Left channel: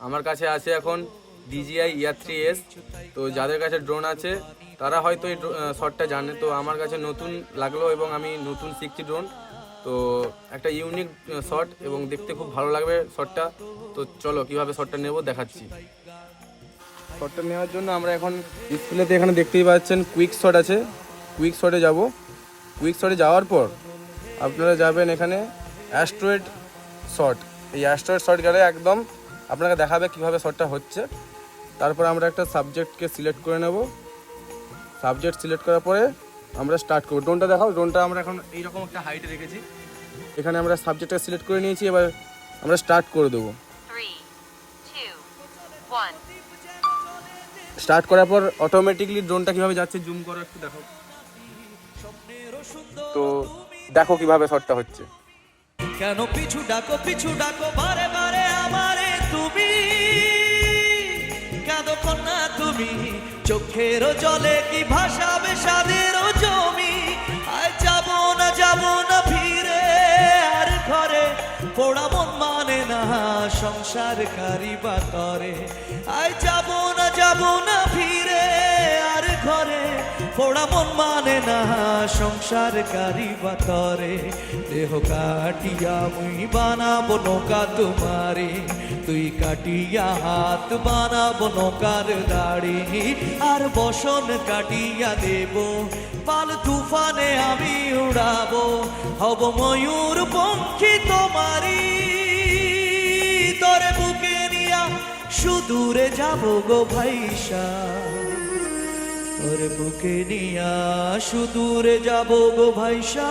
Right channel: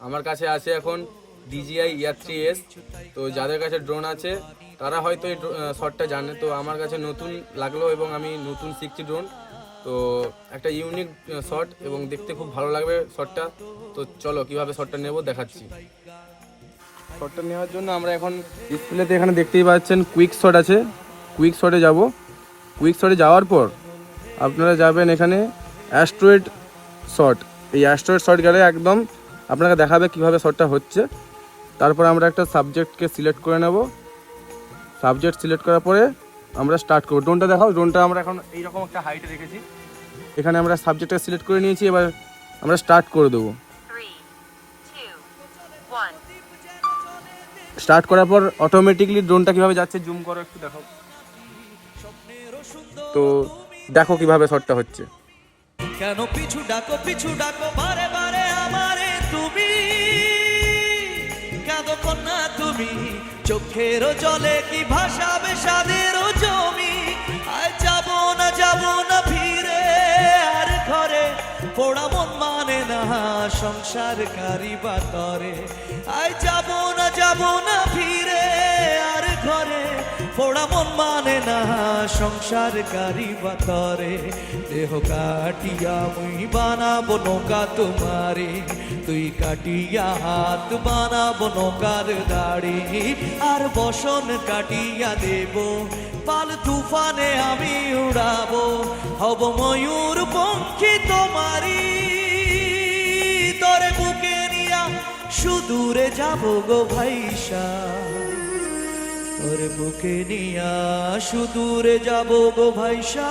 আমার কাছে আছে এখন ডিজিআই ইয়ার থ্রি এস তো যাদের কাছে ড্রোন আছে, তারা হয়তো এই শটটা জানে। তো আমার কাছে নতুন লাগল এবং আমি নতুন শিখছি ড্রোন তো একটা ইউনিক শট এবং দেখতে খুব ভালো লাগবে শটটা তো চলো, কীভাবে শটটা নেব দেখাচ্ছি। শটটা নেওয়ার জন্য আমরা এখন ডিসপ্লেতে এখানে দেখতেই পাচ্ছেন কুইক শট আছে। কুইক শটে যাব। কুইক শটে যাওয়ার পর আপনারা যাবেন এখানে অ্যাস্ট্রয়েড শট এই অ্যাস্ট্রয়েড শট গেলে একদম আপনাকে দেখাবে কীভাবে শটটা হচ্ছে। তারপর আমরা একটা সাবজেক্টকে সিলেক্ট করে নেব। সাবজেক্ট সিলেক্ট করার পরে আমরা স্টার্ট করব। ড্রোনটা দেখাও। ড্রোনটা আমরা এখন এইরকম একটা হাইটে রেখেছি। এখানে আমরা সাবজেক্টটা সিলেক্ট করে নিয়েছি। এবার আমরা স্টার্ট করে দেবো. স্টার্ট করার পর অটোমেটিকলি ড্রোনটা কীভাবে যাচ্ছে জুম করো একটু দেখো তো দেখো কীভাবে শটটা হচ্ছে। কেন পিছু ডাকো পিছু ডাকো, বারে বারে তুমি চোখের জলে কি ভাসাবে সাদের জমি? আর যাব না যাব না ফিরে, আর ঘরে পোড়া মন মানে না সংসার কারিবা করে আর যাব না যাব না পোড়া মন মানে না সংসার কারি বা করে দেহ কাটিয়া মুই বানাবো নৌকা তোমারে। তুই কাটিয়া হাত বানাবো নৌকার দাড়ি। আর বসন কাটিয়া দেব, পাল তুফানে আমি উড়াবো। হব ময়ূর পঙ্খী তোমারি তরে বুকে নিয়া সুদূরে যাব গো ভাইসা। ওর বুকে নিয়া সুদূরে যাব গো ভাইসা